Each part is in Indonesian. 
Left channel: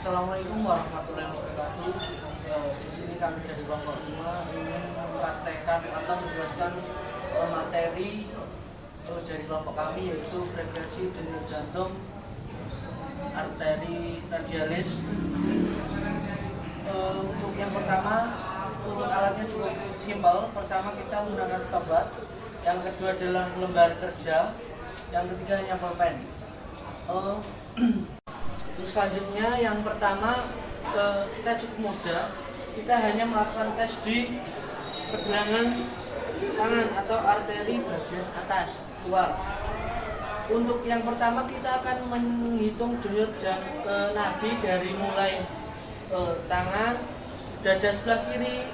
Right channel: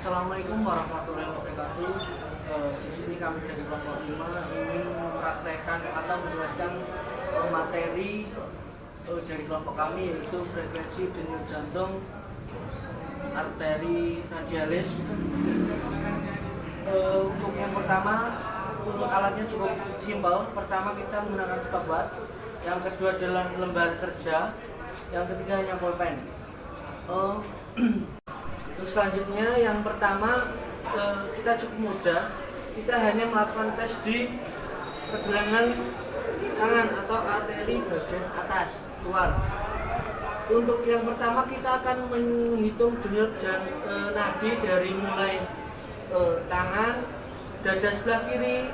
Assalamualaikum warahmatullahi wabarakatuh. Di sini kami dari kelompok 5 ingin mempraktekkan atau menjelaskan materi dari kelompok kami, yaitu frekuensi denyut jantung arteri radialis. Untuk yang pertama, untuk alatnya cukup simpel. Pertama kita menggunakan stopwatch, yang kedua adalah lembar kerja, yang ketiga hanya pulpen. Terus selanjutnya yang pertama, kita cukup mudah. Kita hanya melakukan tes di pergelangan tangan atau arteri bagian atas luar. Untuk yang pertama kita akan menghitung denyut nadi dari mulai tangan, dada sebelah kiri,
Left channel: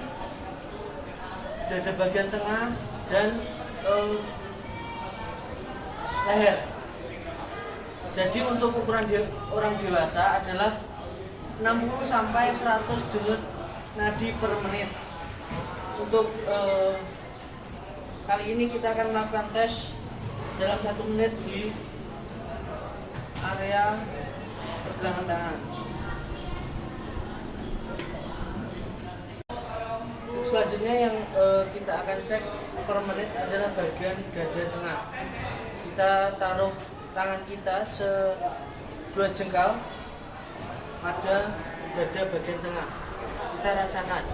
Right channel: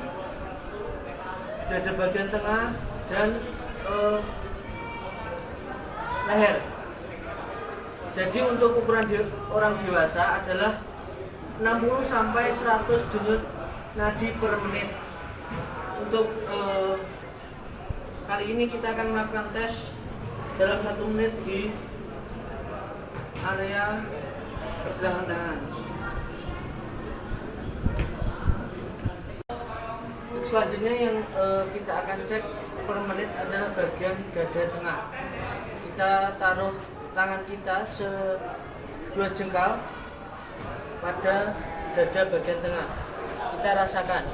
dada bagian tengah, dan leher. Jadi untuk ukuran orang dewasa adalah 60 sampai 100 denyut nadi per menit. Untuk kali ini kita akan melakukan tes dalam 1 menit di area pergelangan tangan. Untuk selanjutnya yang kita akan cek per menit adalah bagian dada tengah. Kita taruh tangan kita 2 jengkal pada dada bagian tengah. Kita rasakan.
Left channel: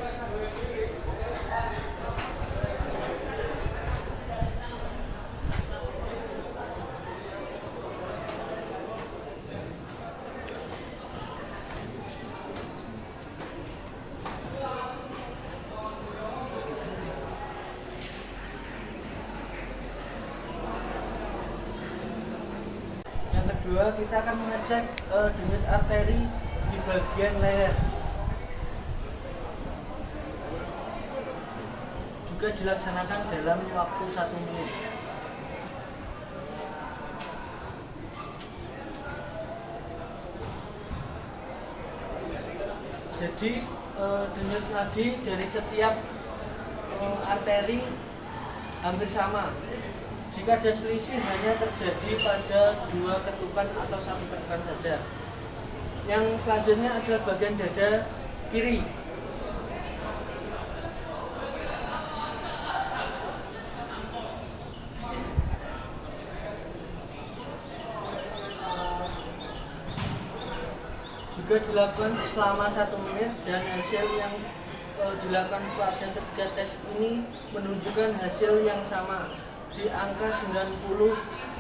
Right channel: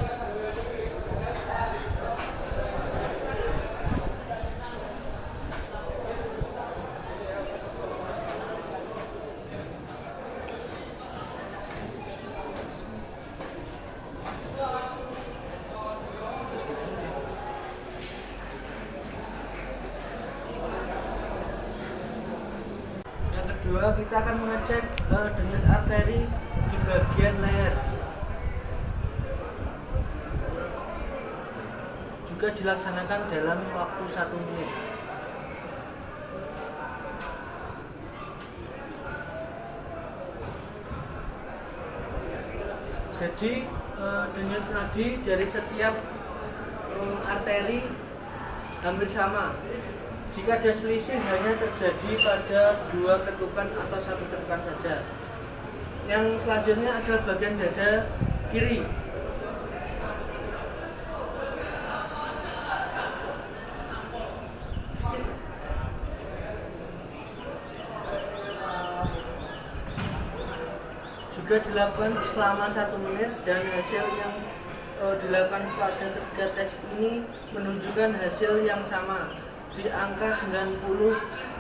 Kedua, kita akan mengecek denyut arteri di bagian leher. Juga dilaksanakan dalam waktu 1 menit. Jadi denyut nadi dari setiap arteri hampir sama. Jika ada selisih hanya terjadi pada 2 ketukan atau 1 ketukan saja. Yang selanjutnya adalah bagian dada kiri. Juga dilakukan selama 1 menit dan hasil yang dilakukan pada ketiga tes ini menunjukkan hasil yang sama di angka 90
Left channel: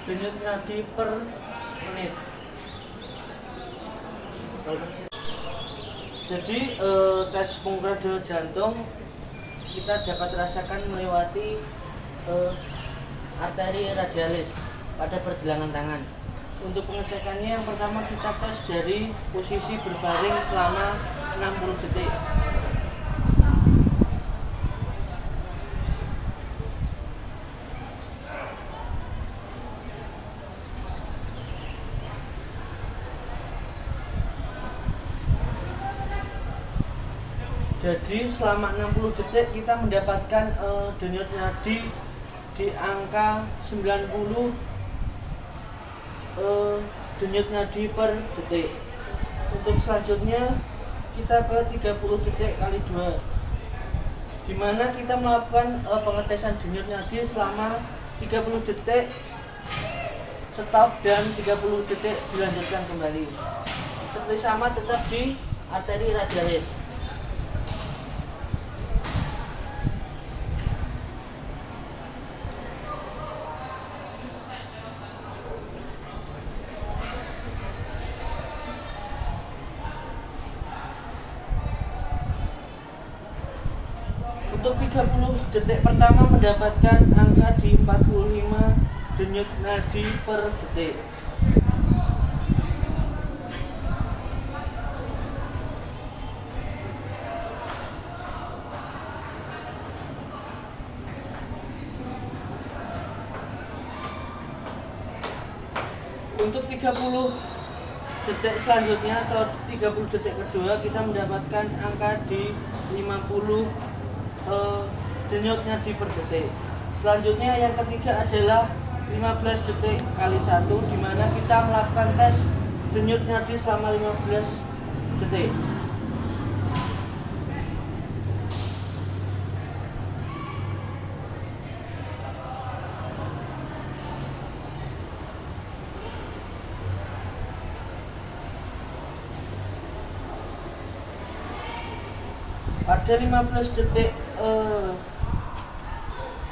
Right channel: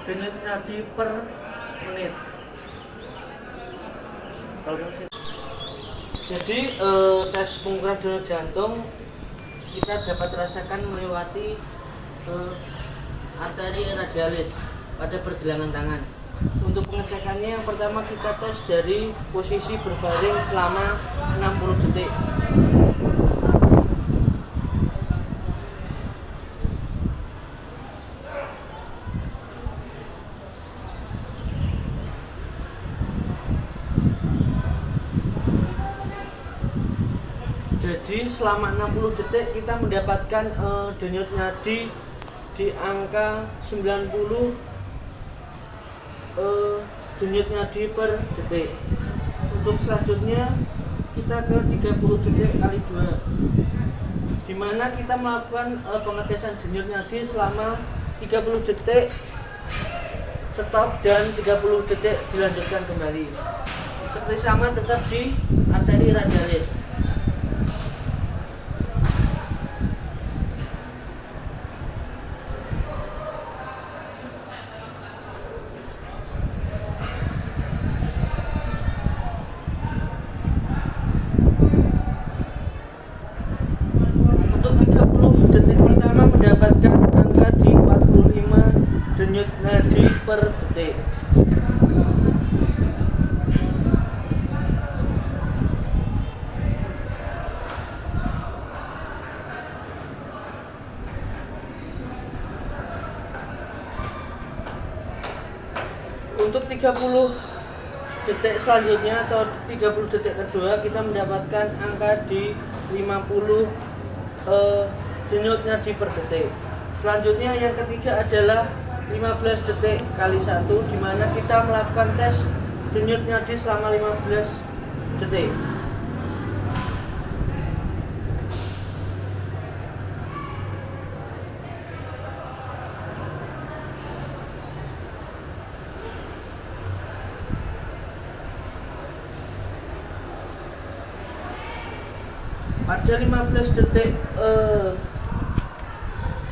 denyut nadi per menit. Jadi tes pengukuran denyut jantung kita dapat rasakan melewati arteri radialis pada pergelangan tangan. Untuk pengecekannya, yang pertama kita tes dari posisi berbaring selama 60 detik. Jadi selama 60 detik kita mendapatkan denyut nadi di angka 90 denyut nadi per detik. Untuk selanjutnya kita ke 30 detik kali 2, di mana kita melakukan pengetesan denyut nadi selama 30 detik, stop, dan 30 detik dilanjutkan kembali. Seperti sama tetap di arteri radialis. Untuk 30 detik pertama mendapatkan angka di 45 denyut nadi per detik. Untuk 30 detik selanjutnya atau 30 detik kedua kita mendapatkan angka di 50 denyut nadi per detik. Selanjutnya yang ketiga adalah 15 detik kali 1, di mana kita melakukan tes denyut nadi selama 15 detik. Pada 15 detik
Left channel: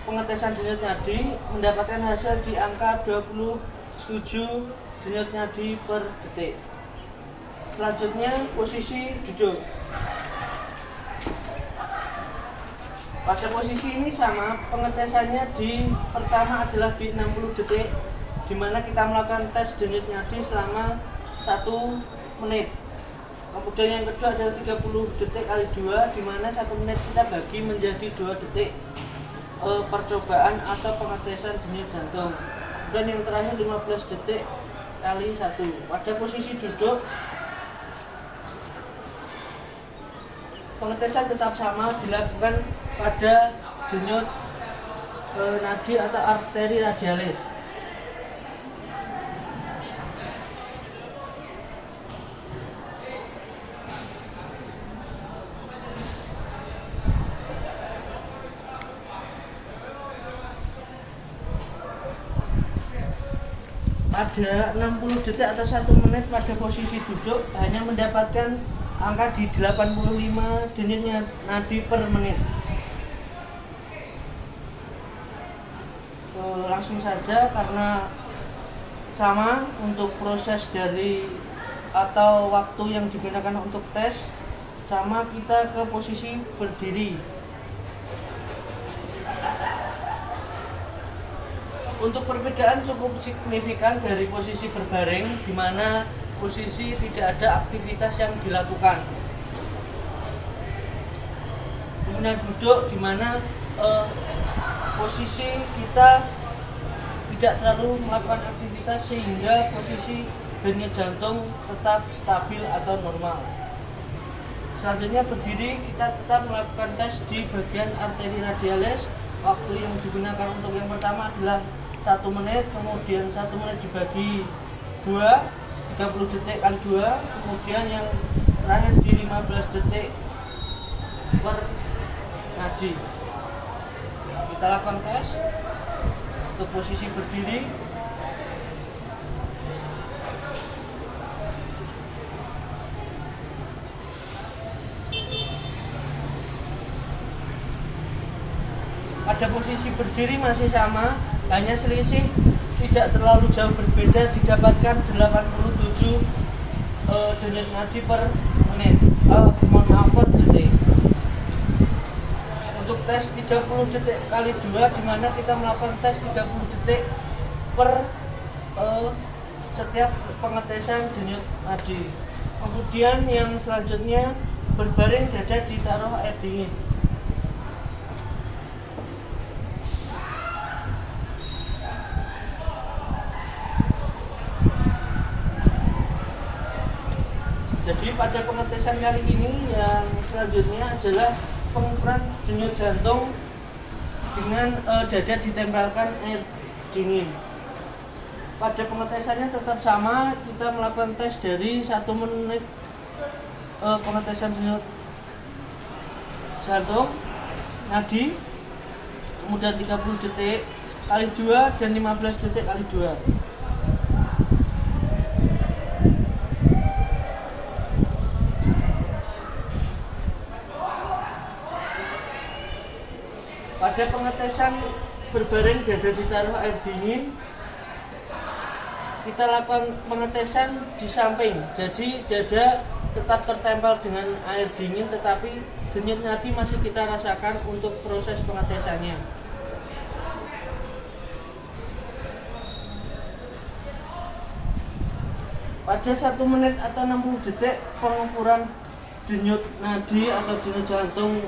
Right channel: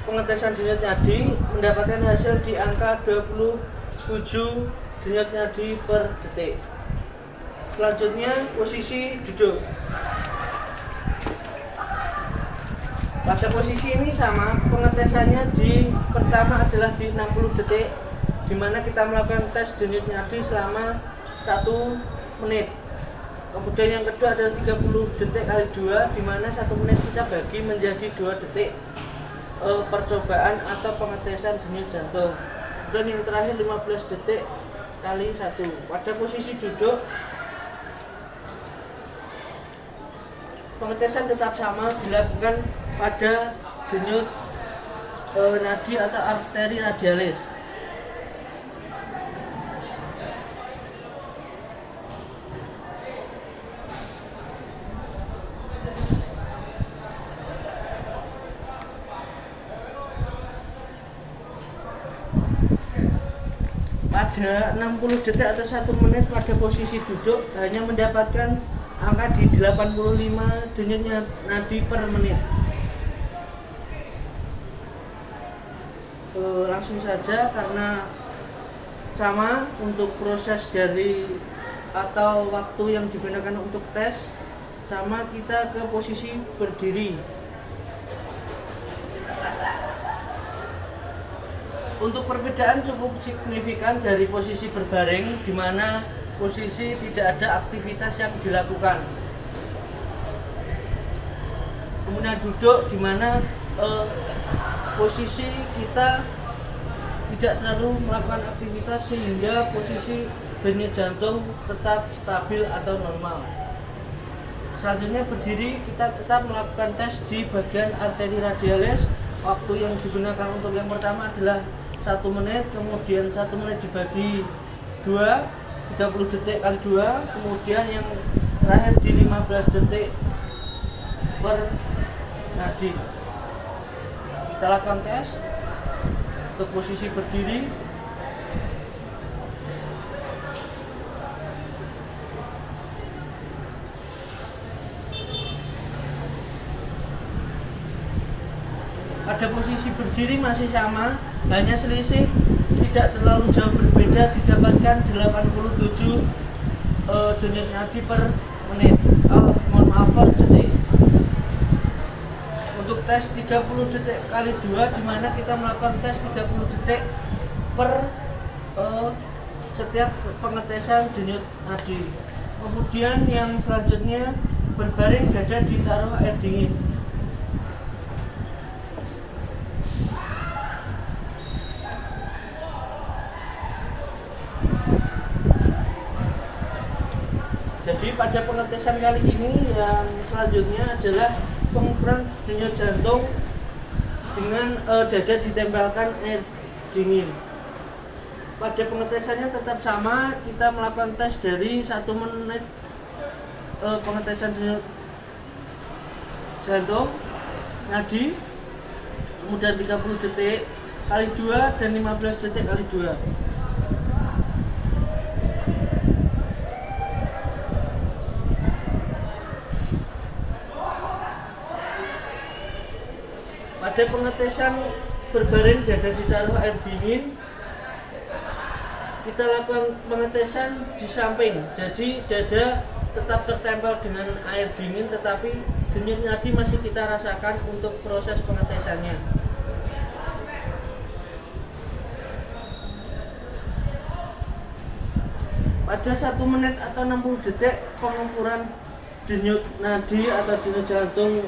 pengetesan denyut nadi mendapatkan hasil di angka 27 denyut nadi per detik. Selanjutnya posisi duduk. Pada posisi ini sama, pengetesannya di pertama adalah di 60 detik, di mana kita melakukan tes denyut nadi selama 1 menit. Kemudian yang kedua adalah 30 detik kali 2, di mana 1 menit kita bagi menjadi 2 detik percobaan atau pengetesan denyut jantung. Dan yang terakhir 15 detik kali 1. Pada posisi duduk, pengetesan tetap sama, dilakukan pada denyut nadi atau arteri radialis. Pada 60 detik atau 1 menit pada posisi duduk hanya mendapatkan angka di 85 denyut nadi per menit. Langsung saja, karena sama untuk proses dari atau waktu yang digunakan untuk tes sama, kita ke posisi berdiri. Untuk perbedaan cukup signifikan dari posisi berbaring, di mana posisi tidak ada aktivitas yang dilakukan. Kemudian duduk, di mana posisi kita tidak terlalu melakukan aktivitas sehingga posisi denyut jantung tetap stabil atau normal. Selanjutnya berdiri, kita tetap melakukan tes di bagian arteri radialis. Waktu yang digunakan untuk yang pertama adalah 1 menit, kemudian 1 menit dibagi 2, 30 detik kali 2, kemudian yang terakhir di 15 detik per nadi. Kita lakukan tes untuk posisi berdiri. Pada posisi berdiri masih sama, hanya selisih tidak terlalu jauh berbeda, didapatkan 87 denyut nadi per menit. Per detik. Untuk tes 30 detik kali 2, di mana kita melakukan tes 30 detik per setiap pengetesan denyut nadi. Kemudian yang selanjutnya berbaring, dada ditaruh air dingin. Jadi pada pengetesan kali ini yang selanjutnya adalah pengukuran denyut jantung dengan dada ditempelkan air dingin. Pada pengetesannya tetap sama, kita melakukan tes dari 1 menit pengetesan denyut jantung nadi, kemudian 30 detik kali 2 dan 15 detik kali 2. Pada pengetesan berbaring, dada ditaruh air dingin, kita lakukan pengetesan di samping. Jadi dada tetap tertempel dengan air dingin, tetapi denyut nadi masih kita rasakan untuk proses pengetesannya. Pada 1 menit atau 60 detik pengukuran denyut nadi atau denyut jantung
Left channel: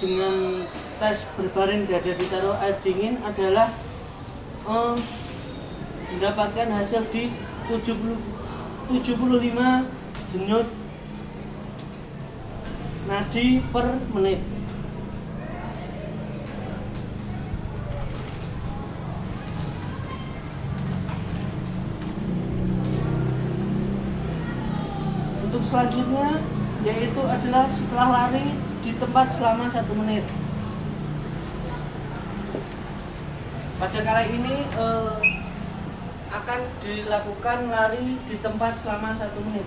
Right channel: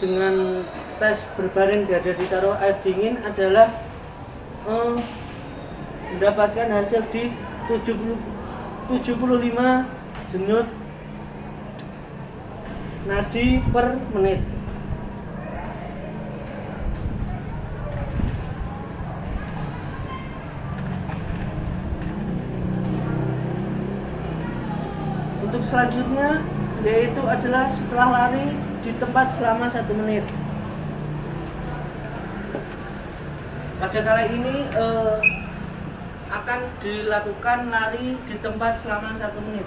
dengan tes berbaring dada ditaruh air dingin adalah mendapatkan hasil di 75 denyut nadi per menit. Untuk selanjutnya yaitu adalah setelah lari di tempat selama 1 menit. Pada kali ini akan dilakukan lari di tempat selama 1 menit.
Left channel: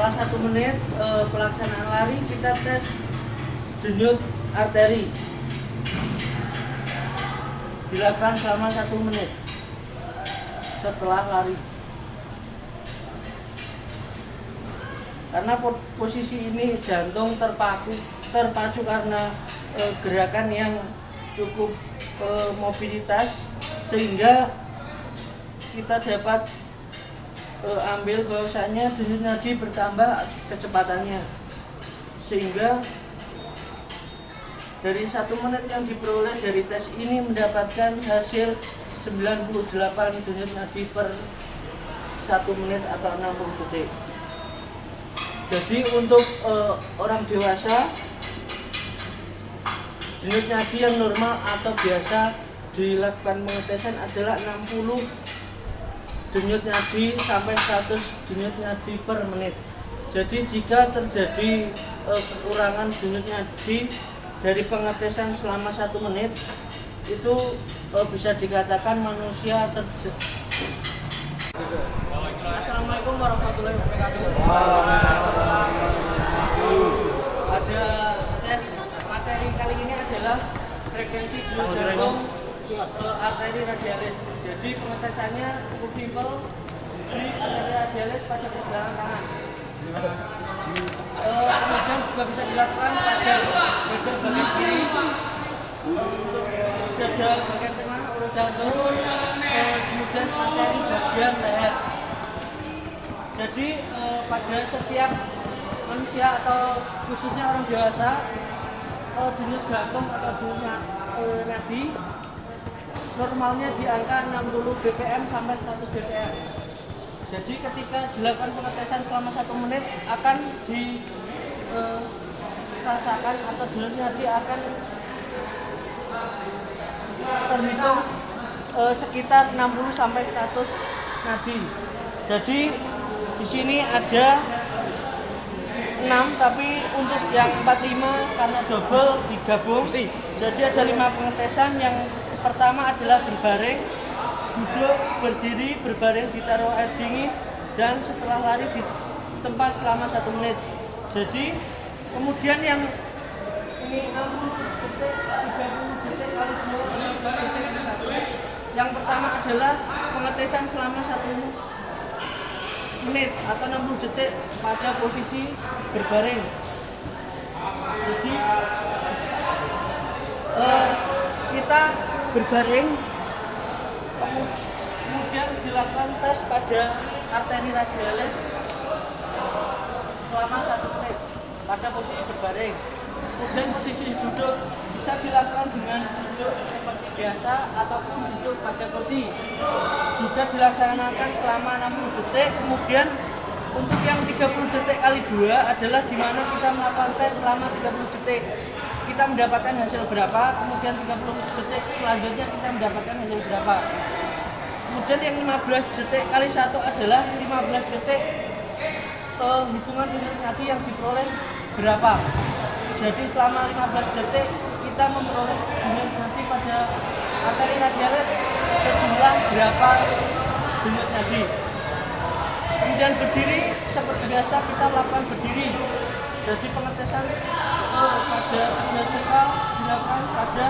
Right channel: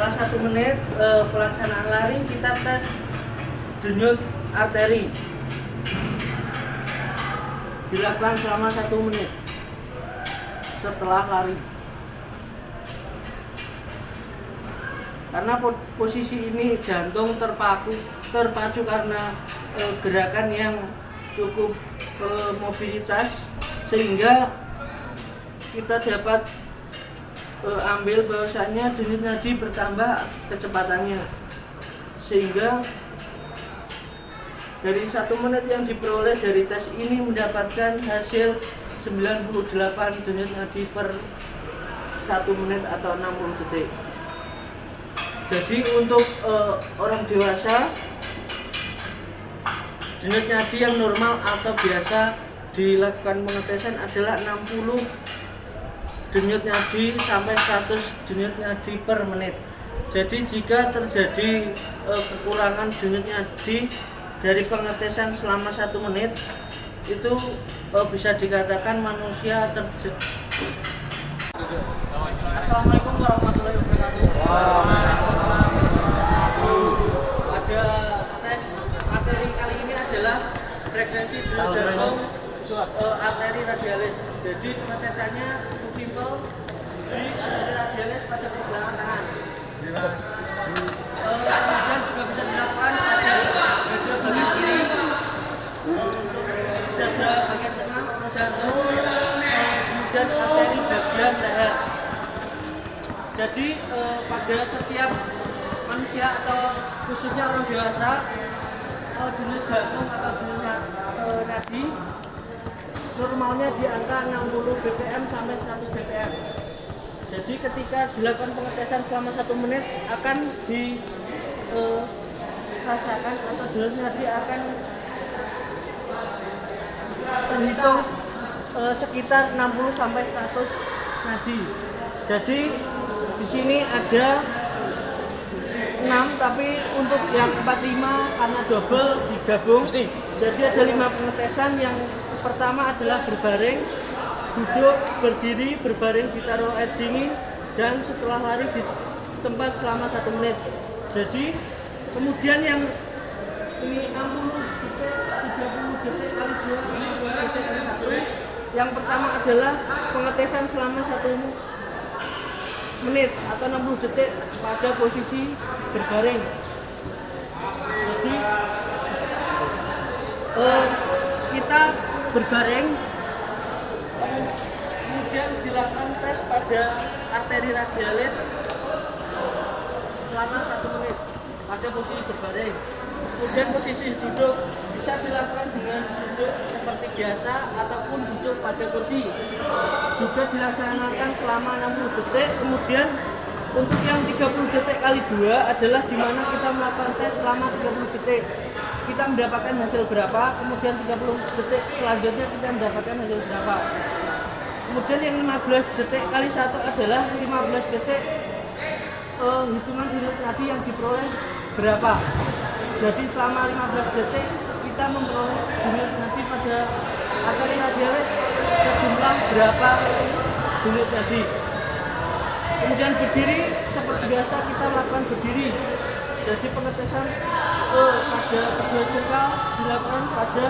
Setelah 1 menit pelaksanaan lari, kita tes denyut arteri. Dilakukan selama 1 menit setelah lari. Karena posisi ini jantung terpacu karena gerakan yang cukup mobilitas, sehingga kita dapat ambil bahwasanya denyut nadi bertambah kecepatannya, sehingga dari 1 menit yang diperoleh dari tes ini mendapatkan hasil 98 denyut nadi per 1 menit atau 60 detik. Jadi untuk orang dewasa, denyut nadi yang normal atau biasa dilakukan pengetesan adalah 60 denyut nadi sampai 100 denyut nadi per menit. Jadi jika terjadi kekurangan denyut nadi dari pengetesan selama 1 menit, itu bisa dikatakan manusia Assalamualaikum warahmatullahi wabarakatuh. Pada tes materi kali ini adalah frekuensi denyut jantung arteri radialis. Jadi pengetesannya cukup simpel di arteri radialis pada pergelangan tangan. Kemudian juga bisa dilakukan pada dada benih kiri, dada bagian tengah, jantung, kemudian arteri bagian leher. Jadi pada setiap manusia atau khususnya orang dewasa, denyut jantung atau denyut nadi normalnya di angka 60 bpm sampai 100 bpm. Jadi ketika dilakukan pengetesan selama 1 menit akan dirasakan atau denyut nadi akan terhitung sekitar 60 sampai 100 nadi. Jadi di sini ada 6, tapi untuk yang 45 karena double digabung. Jadi ada 5 pengetesan. Yang pertama adalah berbaring, duduk, berdiri, berbaring, ditaruh air dingin, dan setelah lari di tempat selama 1 menit. Jadi kemudian yang ini 60 detik, 30 detik kali 2 detik kali 1. Yang pertama adalah pengetesan selama 1 menit atau 60 detik pada posisi berbaring. Jadi kita berbaring, kemudian dilakukan tes pada arteri radialis selama 1 menit pada posisi berbaring. Kemudian posisi duduk bisa dilakukan dengan duduk seperti biasa ataupun duduk pada kursi. Juga dilaksanakan selama 60 detik. Kemudian untuk yang 30 detik kali 2 adalah di mana kita melakukan tes selama 30 detik. Kita mendapatkan hasil berapa, kemudian 30 detik selanjutnya kita mendapatkan hasil berapa. Kemudian yang 15 detik kali 1 adalah 15 detik hitungan denyut nadi yang diperoleh berapa. Jadi selama 15 detik kita memperoleh denyut nadi pada arteri radialis sejumlah berapa denyut nadi. Kemudian berdiri, seperti biasa kita lakukan berdiri. Jadi pengetesan pada kedua jengkal dilakukan pada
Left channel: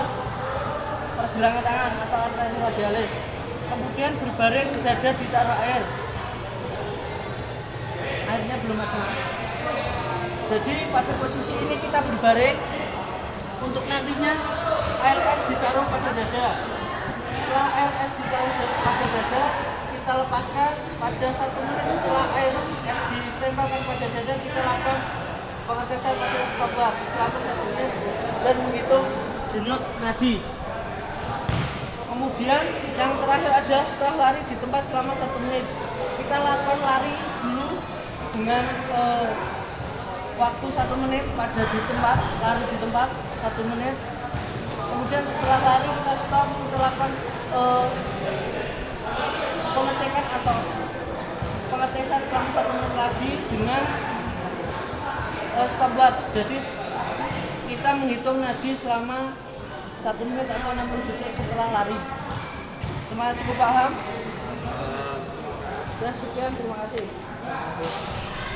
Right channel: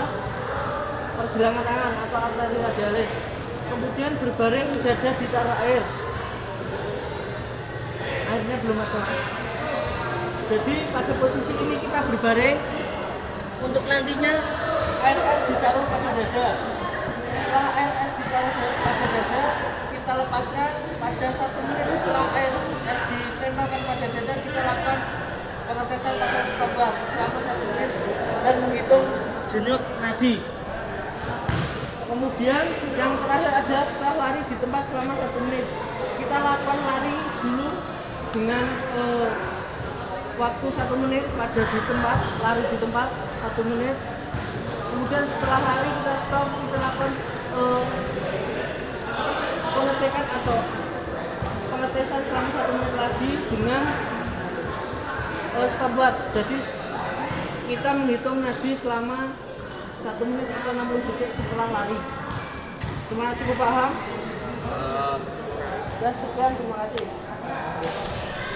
pergelangan tangan atau arteri radialis. Kemudian berbaring, dada di tanah air. Airnya belum ada. Jadi pada posisi ini kita berbaring. Untuk nantinya ARS ditaruh pada dada. Setelah ARS ditaruh pada dada, kita lepaskan pada 1 menit setelah ARS ditempelkan pada dada, kita lakukan pengetesan pada stopwatch selama 1 menit dan menghitung denyut nadi. Kemudian yang terakhir ada setelah lari di tempat selama 1 menit. Kita lakukan lari dulu dengan waktu 1 menit pada di tempat, lari di tempat 1 menit. Kemudian setelah lari kita stop, kita lakukan pengecekan atau pengetesan selama 1 menit lagi dengan stopwatch. Jadi kita menghitung nadi selama 1 menit atau 60 detik setelah lari. Semuanya cukup paham? Ya, sekian, terima kasih.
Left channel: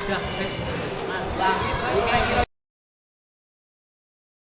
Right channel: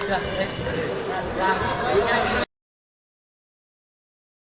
Ya, guys. Mantap.